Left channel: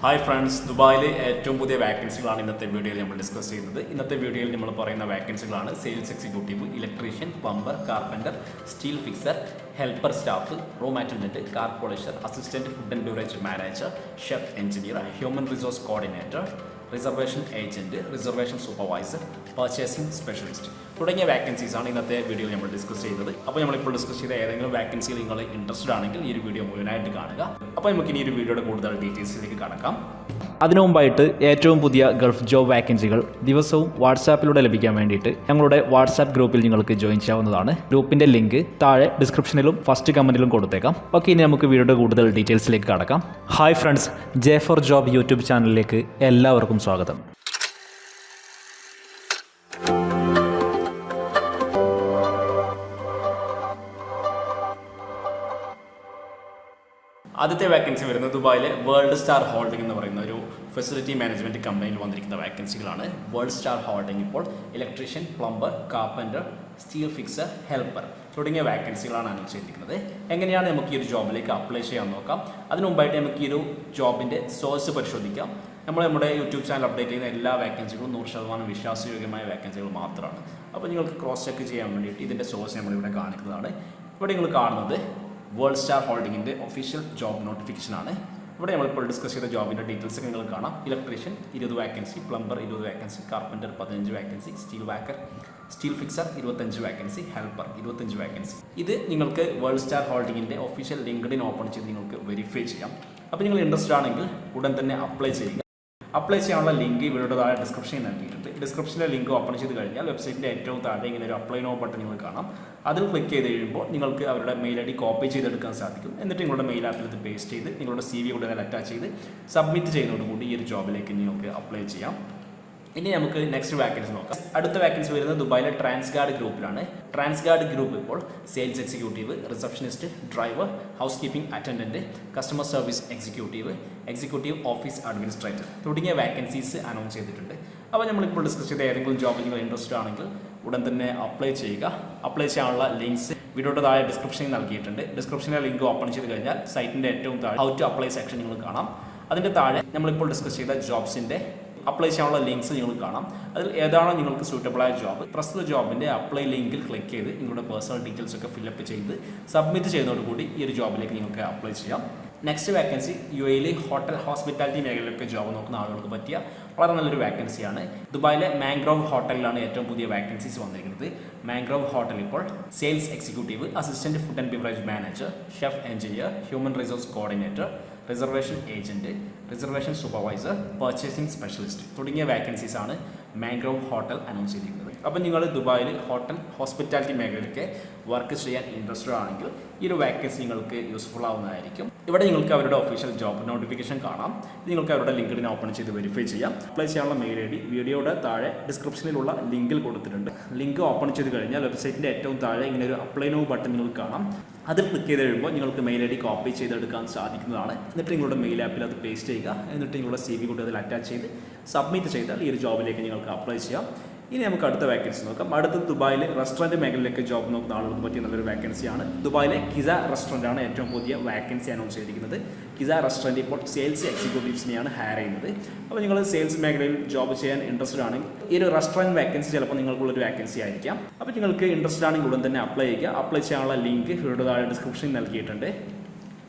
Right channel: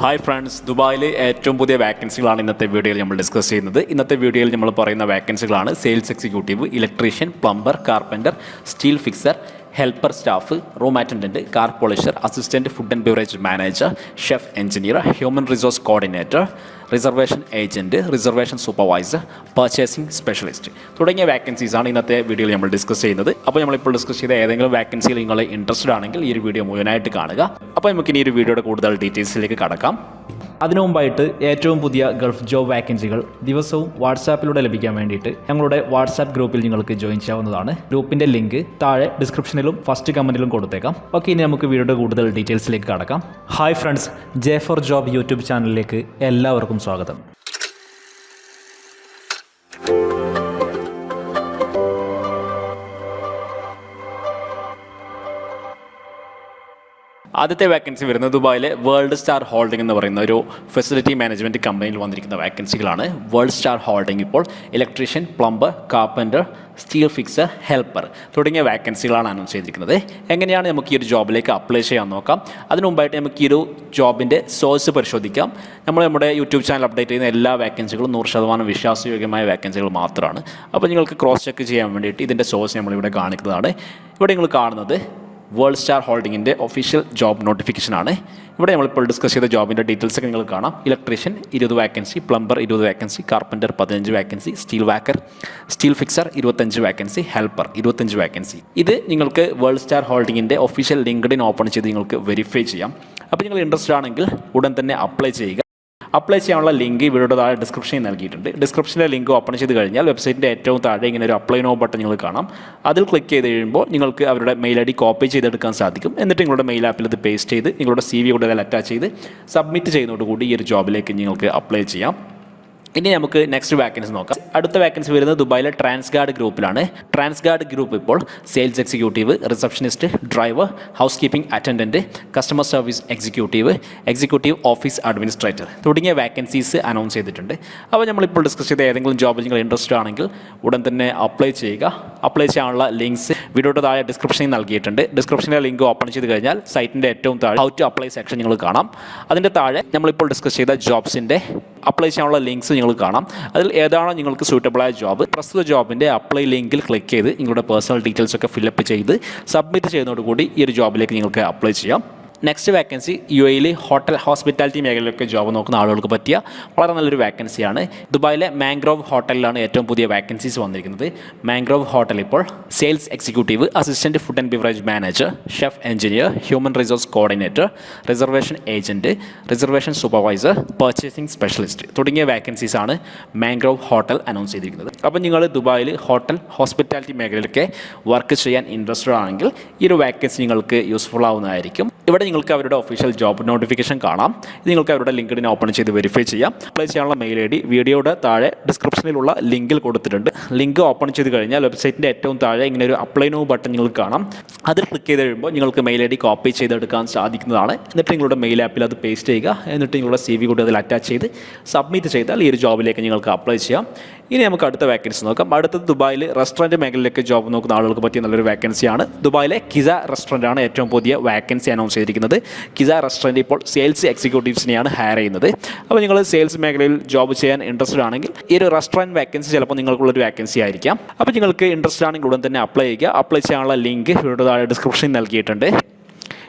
Hi friends, ദുബായിലെ ഏറ്റവും പുതിയ വാക്കൻസികളാണ് ഇന്നത്തെ വീഡിയോയിൽ നമ്മൾ ഡിസ്കസ് ചെയ്യുന്നത്. ഇന്നത്തെ വീഡിയോയിൽ നമ്മൾ പറയുന്ന വാക്കൻസികളാണ് sales executive, electrician, plumber, carpenter, steel fixer, helper staff, room attendant, car polisher, assistant food and beverage manager, chef engineer, human resource coordinator, reservation agent, reservation supervisor, purchasing specialist തുടങ്ങിയ വാക്കൻസീസാണ് ഇന്നത്തെ വീഡിയോയിൽ നമ്മൾ ഡിസ്കസ് ചെയ്യുന്നത്. അപ്പോൾ നമ്മളിപ്പോൾ ഡിസ്കസ് ചെയ്ത ഏതെങ്കിലും വാക്കൻസിയിൽ നിങ്ങൾ ഇൻട്രസ്റ്റഡ് ആണെങ്കിൽ ഈ ഒരു വീഡിയോ മുഴുവനായിട്ട് കാണുക. അപ്പോൾ നമുക്ക് ഇനി ഒരു വീഡിയോയുടെ കൂടുതൽ ഡീറ്റെയിൽസിലേക്ക് കടക്കാം. അതിനു മുമ്പായിട്ട് ഏറ്റവും പുതിയ ഗൾഫ് ജോബ് വാക്കൻസികൾ ദിവസവും വാട്സാപ്പിലൂടെ ലഭിക്കാൻ വേണ്ടിയിട്ട് ഞങ്ങളുടെ വാട്സാപ്പ് ഗ്രൂപ്പിൽ നിങ്ങൾക്ക് ജോയിൻ ചെയ്യാവുന്നതാണ്. ഗ്രൂപ്പിൻ്റെ ലിങ്ക് താഴെ ഡിസ്ക്രിപ്ഷനിലും ഫസ്റ്റ് കമൻറ്റിലും കൊടുത്തേക്കാം. ഓക്കെ, ഇനി നമുക്ക് വീഡിയോയുടെ കൂടുതൽ ഡീറ്റെയിൽസിലേക്ക് കടക്കാം. Hi friends, J for job YouTube ചാനലിലേക്ക് എല്ലാവർക്കും സ്വാഗതം. ആദ്യത്തെ വാക്കൻസി വരുന്നത് ദുബായിലെ വേൾഡ് സ്റ്റാർ ഹോൾഡിംഗ് എന്ന് പറയുന്ന ഒരു ഫെസിലിറ്റി മാനേജ്മെൻറ്റ് കമ്പനിയിൽ വന്നിരിക്കുന്ന വാക്കൻസികളാണ്. വേൾഡ് സ്റ്റാർ ഹോൾഡിംഗ് ഇപ്പോൾ electrician, plumber, carpenter, steel fixer, helper തുടങ്ങിയ വാക്കൻസികളാണ് അനൗൺസ് ചെയ്തിരിക്കുന്നത്. എങ്ങനെയാണ് നമുക്ക് ഈ ഒരു ജോബിലേക്ക് അപ്ലൈ ചെയ്യാൻ നോക്കാം. അതിന് മുമ്പായിട്ട് നമുക്ക് ഈ ഒരു ജോബിൻ്റെ സോഴ്സ് പരിശോധിക്കാം. നമ്മുടെ യൂട്യൂബ് ചാനൽ അപ്ഡേറ്റ് ചെയ്യുന്ന എല്ലാ വാക്കൻസികളും 100% വിശ്വാസയോഗ്യമായ വാക്കൻസികൾ മാത്രമാണ്. അപ്പോൾ നിങ്ങൾക്ക് ക്രോസ് ചെക്ക് ചെയ്യാൻ വേണ്ടിയിട്ട് ഇതിൻ്റെ സോഴ്സ് നമ്മളിവിടെ കാണിക്കുന്നതാണ്. ഇവിടെ നിങ്ങൾ കാണുന്നത് വേൾഡ് സ്റ്റാർ ഹോൾഡിങ്ങിൻ്റെ ഒഫീഷ്യൽ ജോബ് നോട്ടിഫിക്കേഷനാണ്. ഇവിടെ നമ്മളിപ്പോൾ ഡിസ്കസ് ചെയ്ത ജോബിൻ്റെ ഡീറ്റെയിൽസ് ഒക്കെ നിങ്ങൾ കാണാം. Electrician 20 vacancy, plumber 20 vacancy, carpenter 15 vacancy, steel fixer 25 vacancy, helper 25 vacancy. ഇത് നിങ്ങൾക്ക് വേൾഡ് സ്റ്റാർ ഹോൾഡിങ്ങിൻ്റെ ഒഫീഷ്യൽ ലിങ്ക്ഡിൻ ഓപ്പൺ ചെയ്ത് നിങ്ങൾക്ക് വെരിഫൈ ചെയ്യാം. അപ്പോൾ നിങ്ങൾ ഇൻട്രസ്റ്റഡ് ആണെങ്കിൽ ഉടൻ തന്നെ അപ്ലൈ ചെയ്യുക. അപ്ലൈ ചെയ്യാനുള്ള ലിങ്ക് വീഡിയോയുടെ താഴെ ഡിസ്ക്രിപ്ഷനിൽ നൽകിയിട്ടുണ്ട്. ഡിസ്ക്രിപ്ഷനിലെ ലിങ്ക് ഓപ്പൺ ചെയ്ത് കഴിഞ്ഞാൽ വെബ്സൈറ്റിൻ്റെ ഏറ്റവും താഴെ ഇങ്ങനെ ഒരു അപ്ലൈ നോ ബട്ടൺ നിങ്ങൾ കാണാം. അതിൽ ക്ലിക്ക് ചെയ്ത് കഴിയുമ്പോൾ നിങ്ങൾക്ക് അവരുടെ മെയിൽ ID കോപ്പി ചെയ്തെടുക്കാൻ സാധിക്കും. എന്നിട്ട് നിങ്ങളുടെ മെയിൽ ആപ്പിൽ ഇത് പേസ്റ്റ് ചെയ്ത് നിങ്ങളുടെ CV കൂടെ അതിൽ അറ്റാച്ച് ചെയ്ത് സബ്മിറ്റ് ചെയ്യുന്നതോടുകൂടി ഈ ഒരു ജോബിലേക്ക് നിങ്ങൾക്ക് അപ്ലൈ ചെയ്യാം. ഇനി നമുക്ക് നെക്സ്റ്റ് വാക്കൻസി നോക്കാം. അടുത്ത വാക്കൻസി വരുന്നത് ദുബായിലെ ട്രാൻസ്ഗാർഡ് ഗ്രൂപ്പിലാണ്. ട്രാൻസ്ഗാർഡ് ഗ്രൂപ്പ് ഇപ്പോൾ sales executive, receptionist, driver, house keeping attendant, customer service executive office administrator തുടങ്ങിയ വാക്കൻസീസ് അനൗൺസ് ചെയ്തിട്ടുണ്ട്. അപ്പോൾ നമ്മളിപ്പോൾ ഡിസ്കസ് ചെയ്ത ഏതെങ്കിലും ജോബിൽ നിങ്ങൾ ഇൻട്രസ്റ്റഡ് ആണെങ്കിൽ ഉടൻ തന്നെ അപ്ലൈ ചെയ്യുക. അപ്ലൈ ചെയ്യാനുള്ള ലിങ്ക്സ് വീഡിയോയുടെ താഴെ ഡിസ്ക്രിപ്ഷനിൽ നൽകിയിട്ടുണ്ട്. ഡിസ്ക്രിപ്ഷനിലെ ലിങ്ക് ഓപ്പൺ ചെയ്ത് കഴിഞ്ഞാൽ സൈറ്റിൻ്റെ ഏറ്റവും താഴെ ഹൗ ടു അപ്ലൈ സെക്ഷൻ നിങ്ങൾ കാണാം. അതിൻ്റെ താഴെ നമ്മളിപ്പോൾ ഡിസ്കസ് ചെയ്ത ജോബ്സിൻ്റെ അപ്ലൈ ചെയ്യാനുള്ള ലിങ്ക്സ് നിങ്ങൾ കാണാം. അതിൽ ഏതാണോ നിങ്ങൾക്ക് സൂട്ടബിളായ ജോബ്, പ്രസ്തുത ജോബിൻ്റെ അപ്ലൈ ലിങ്കിൽ ക്ലിക്ക് ചെയ്ത് നിങ്ങളുടെ പേഴ്സണൽ ഡീറ്റെയിൽസ് ഒക്കെ ഫില്ലപ്പ് ചെയ്ത് സബ്മിറ്റ് ചെയ്യുന്നതോടുകൂടി ഈ ഒരു ജോബിലേക്ക് നിങ്ങൾക്ക് അപ്ലൈ ചെയ്യാം. Next vacancy UAE hotel hospitality മേഖലയിലൊക്കെ ജോബ് നോക്കുന്ന ആളുകൾക്ക് പറ്റിയ വളരെ നല്ലൊരു വാക്കൻസിയാണ്. ദുബായിലെ മാംഗ്രോവ് ഹോട്ടലിലാണ് ഏറ്റവും പുതിയ വാക്കൻസീസ് വന്നിരിക്കുന്നത്. മാംഗ്രോവ് ഹോട്ടൽ ഇപ്പോൾ sales executive, assistant food and beverage manager, chef engineer, human resource coordinator, reservation agent, reservation supervisor, purchasing specialist തുടങ്ങിയ വാക്കൻസീസാണ് മാംഗ്രോവ് ഹോട്ടൽ അനൗൺസ് ചെയ്തിരിക്കുന്നത്. അപ്പോൾ നിങ്ങൾ ദുബായിൽ ഹോട്ടൽ ഹോസ്പിറ്റാലിറ്റി മേഖലയിലൊക്കെ വർക്ക് ചെയ്യാൻ ഇൻട്രസ്റ്റഡ് ആണെങ്കിൽ ഈ ഒരു വാക്കൻസി നിങ്ങൾക്ക് യൂസ്ഫുൾ ആവുന്നതായിരിക്കും. ഇവിടെ നിങ്ങൾക്ക് അവരുടെ ഒഫീഷ്യൽ ജോബ് നോട്ടിഫിക്കേഷൻ കാണാം. ഇത് നിങ്ങൾക്ക് അവരുടെ ലിങ്ക്ഡിൻ ഓപ്പൺ ചെയ്ത് വെരിഫൈ ചെയ്യാം. അപ്ലൈ ചെയ്യാനുള്ള മെയിൽ ID വീഡിയോയുടെ താഴെ ഡിസ്ക്രിപ്ഷനിലുള്ള ലിങ്കിൽ കൊടുത്തിട്ടുണ്ട്. ലിങ്ക് ഓപ്പൺ ചെയ്ത് കഴിഞ്ഞാൽ വെബ്സൈറ്റിൻ്റെ ഏറ്റവും താഴെ ഇങ്ങനെ ഒരു അപ്ലൈ നോ ബട്ടൺ നിങ്ങൾക്ക് കാണാം. അതിൽ ക്ലിക്ക് ചെയ്ത് കഴിയുമ്പോൾ നിങ്ങൾക്ക് മെയിൽ ID കോപ്പി ചെയ്തെടുക്കാൻ സാധിക്കുന്നതാണ്. എന്നിട്ട് നിങ്ങളുടെ മെയിൽ ആപ്പിൽ അത് പേസ്റ്റ് ചെയ്യുക. എന്നിട്ട് നിങ്ങളുടെ CV കൂടി അതിൽ അറ്റാച്ച് ചെയ്ത് സബ്മിറ്റ് ചെയ്താൽ ഈ ഒരു ജോബിലേക്ക് നിങ്ങൾക്ക് അപ്ലൈ ചെയ്യാം. ഇനി നമുക്ക് അടുത്ത വാക്കൻസി നോക്കാം. അടുത്തത് ദുബായിൽ റെസ്റ്റോറൻറ്റ് മേഖലയിലേക്ക് ജോബ് നോക്കുന്ന ആളുകൾക്ക് പറ്റിയ നല്ലൊരു വാക്കൻസിയാണ്. ദുബായിലെ കിസ റെസ്റ്റോറൻറ്റാണ് ഏറ്റവും പുതിയ വാക്കൻസി അനൗൺസ് ചെയ്തിരിക്കുന്നത്. കിസ റെസ്റ്റോറൻറ്റ് ഇപ്പോൾ സെയിൽസ് എക്സിക്യൂട്ടീവ്സിനെയാണ് ഹയർ ചെയ്യുന്നത്. അപ്പോൾ നിങ്ങൾ സെയിൽസ് മേഖലയിൽ ജോബ് ചെയ്യാൻ ഇൻട്രസ്റ്റഡ് ആണെങ്കിൽ ഈ ഒരു റെസ്റ്റോറൻറ്റ് വാക്കൻസി ചിലപ്പോൾ നിങ്ങൾക്കുള്ളൊരു വാക്കൻസി ആയിരിക്കാം. അപ്പോൾ നിങ്ങൾക്ക് ഇൻട്രസ്റ്റഡ് ആണെങ്കിൽ ഉടൻ തന്നെ അപ്ലൈ ചെയ്യുക. അപ്ലൈ ചെയ്യാനുള്ള ലിങ്ക് ഇവിടെ താഴെ ഡിസ്ക്രിപ്ഷനിൽ നൽകിയിട്ടുണ്ട്.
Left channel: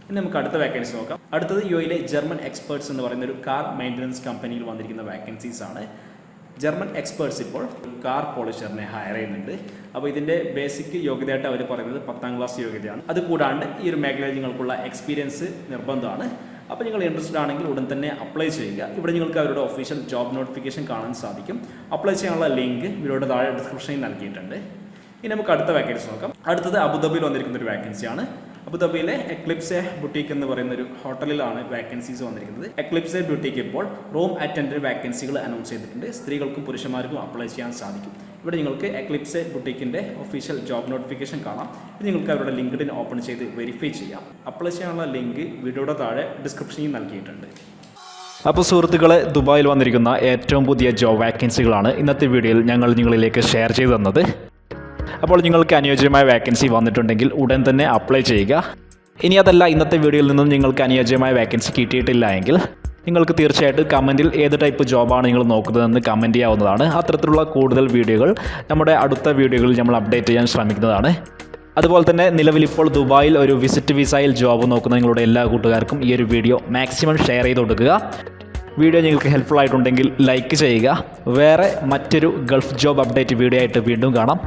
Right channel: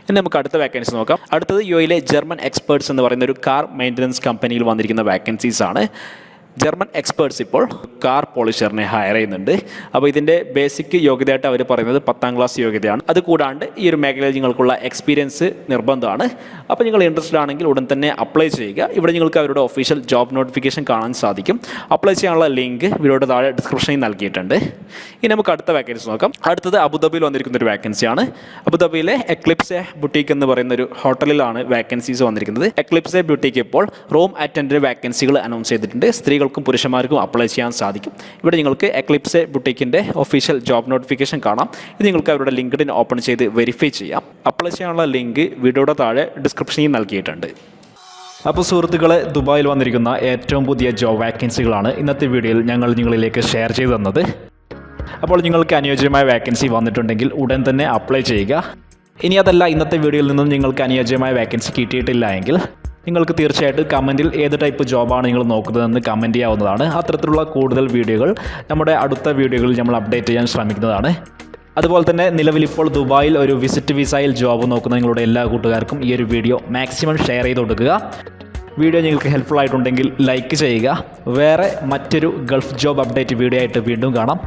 ഇനി നമുക്ക് അടുത്ത വാക്കൻസി നോക്കാം. അടുത്തത് UAE ജർമ്മൻ എക്സ്പേർട്സ് എന്ന് പറയുന്ന ഒരു കാർ മെയിൻ്റനൻസ് കമ്പനിയിൽ വന്നിരിക്കുന്ന വാക്കൻസീസ് ആണ്. ജർമ്മൻ എക്സ്പേർട്സ് ഇപ്പോൾ കാർ പോളിഷറിനെ ഹയർ ചെയ്യുന്നുണ്ട്. അപ്പോൾ ഇതിൻ്റെ ബേസിക് യോഗ്യതയായിട്ട് അവർ പറയുന്നത് 10ാം ക്ലാസ് യോഗ്യതയാണ്. അതുകൂടാണ്ട് ഈ ഒരു മേഖലയിൽ നിങ്ങൾക്കുള്ള എക്സ്പീരിയൻസ് നിർബന്ധമാണ്. അപ്പോൾ നിങ്ങൾ ഇൻട്രസ്റ്റഡ് ആണെങ്കിൽ ഉടൻ തന്നെ അപ്ലൈ ചെയ്യുക. ഇവിടെ നിങ്ങൾക്ക് അവരുടെ ഒഫീഷ്യൽ ജോബ് നോട്ടിഫിക്കേഷൻ കാണാൻ സാധിക്കും. അപ്ലൈ ചെയ്യാനുള്ള ലിങ്ക് വീഡിയോയുടെ താഴെ ഡിസ്ക്രിപ്ഷനിൽ നൽകിയിട്ടുണ്ട്. ഇനി നമുക്ക് അടുത്ത വാക്കൻസി നോക്കാം. അടുത്തത് അബുദാബിയിൽ വന്നിരിക്കുന്ന ഒരു വാക്കൻസിയാണ്. അബുദാബിയിലെ എക്ലിപ്സ് ബുട്ടീക്ക് എന്ന് പറയുന്ന ഒരു ഹോട്ടലിലാണ് വാക്കൻസീസ് വന്നിരിക്കുന്നത്. എക്ലിപ്സ് ബുട്ടീക്ക് ഇപ്പോൾ റൂം അറ്റൻഡൻറ്റ് വാക്കൻസികൾ അനൗൺസ് ചെയ്തിട്ടുണ്ട്. സ്ത്രീകൾക്കും പുരുഷന്മാർക്കും അപ്ലൈ ചെയ്യാൻ സാധിക്കും. ഇവിടെ നിങ്ങൾക്ക് എക്ലിപ്സ് ബുട്ടീക്കിൻ്റെ ഒഫീഷ്യൽ ജോബ് നോട്ടിഫിക്കേഷൻ കാണാം. ഇത് നിങ്ങൾക്ക് അവരുടെ ലിങ്ക്ഡിൻ ഓപ്പൺ ചെയ്ത് വെരിഫൈ ചെയ്യാം. അപ്ലൈ ചെയ്യാനുള്ള ലിങ്ക് വീഡിയോയുടെ താഴെ ഡിസ്ക്രിപ്ഷനിൽ നൽകിയിട്ടുണ്ട്. അപ്പോൾ സുഹൃത്തുക്കളെ, ദുബായിൽ വന്നിരിക്കുന്ന ഏറ്റവും പുതിയ ജോബ് വാക്കൻസികളാണ് ഇന്നത്തെ വീഡിയോയിൽ ഞങ്ങൾ നിങ്ങളിലേക്ക് ഷെയർ ചെയ്തു തന്നത്. അപ്പോൾ നിങ്ങൾക്ക് അനുയോജ്യമായ വാക്കൻസി വന്നിട്ടുണ്ടെങ്കിൽ ഉടൻ തന്നെ അപ്ലൈ ചെയ്യുക. ഇനി അതല്ല, ഇന്നത്തെ വീഡിയോയിൽ നിന്നും നിങ്ങൾക്ക് അനുയോജ്യമായ വാക്കൻസി കിട്ടിയിട്ടില്ല എങ്കിൽ നിങ്ങൾക്ക് തീർച്ചയായിട്ടും കമൻറ്റിൽ ഏത് ടൈപ്പ് ജോബാണ് നിങ്ങൾ നോക്കുന്നതെന്ന് കമൻറ്റ് ചെയ്യാവുന്നതാണ്. അത്തരത്തിലുള്ള കൂടുതൽ വീഡിയോകൾ നമ്മുടെ അടുത്ത വീഡിയോകളിൽ നമ്മൾ അപ്ഡേറ്റ് ചെയ്യാൻ ശ്രമിക്കുന്നതാണ്. അതുപോലെ തന്നെ നിലവിലിപ്പോൾ ദുബായിൽ ഒരു വിസിറ്റ് വിസയിൽ ജോബ് നോക്കുന്ന നിങ്ങളുടെ എല്ലാ കൂട്ടുകാർക്കും ഈ ഒരു വീഡിയോ മാക്സിമം ഷെയർ ചെയ്ത് കൊടുക്കുക. വീഡിയോ നിങ്ങൾക്ക് ഹെൽപ്ഫുൾ ആയിട്ടുണ്ടെങ്കിൽ ലൈക്ക് ചെയ്യുക. വേറെ മറ്റൊരു ഗൾഫ് ജോബ് അപ്ഡേറ്റ് വീഡിയോ ആയിട്ട് വീണ്ടും കാണാം.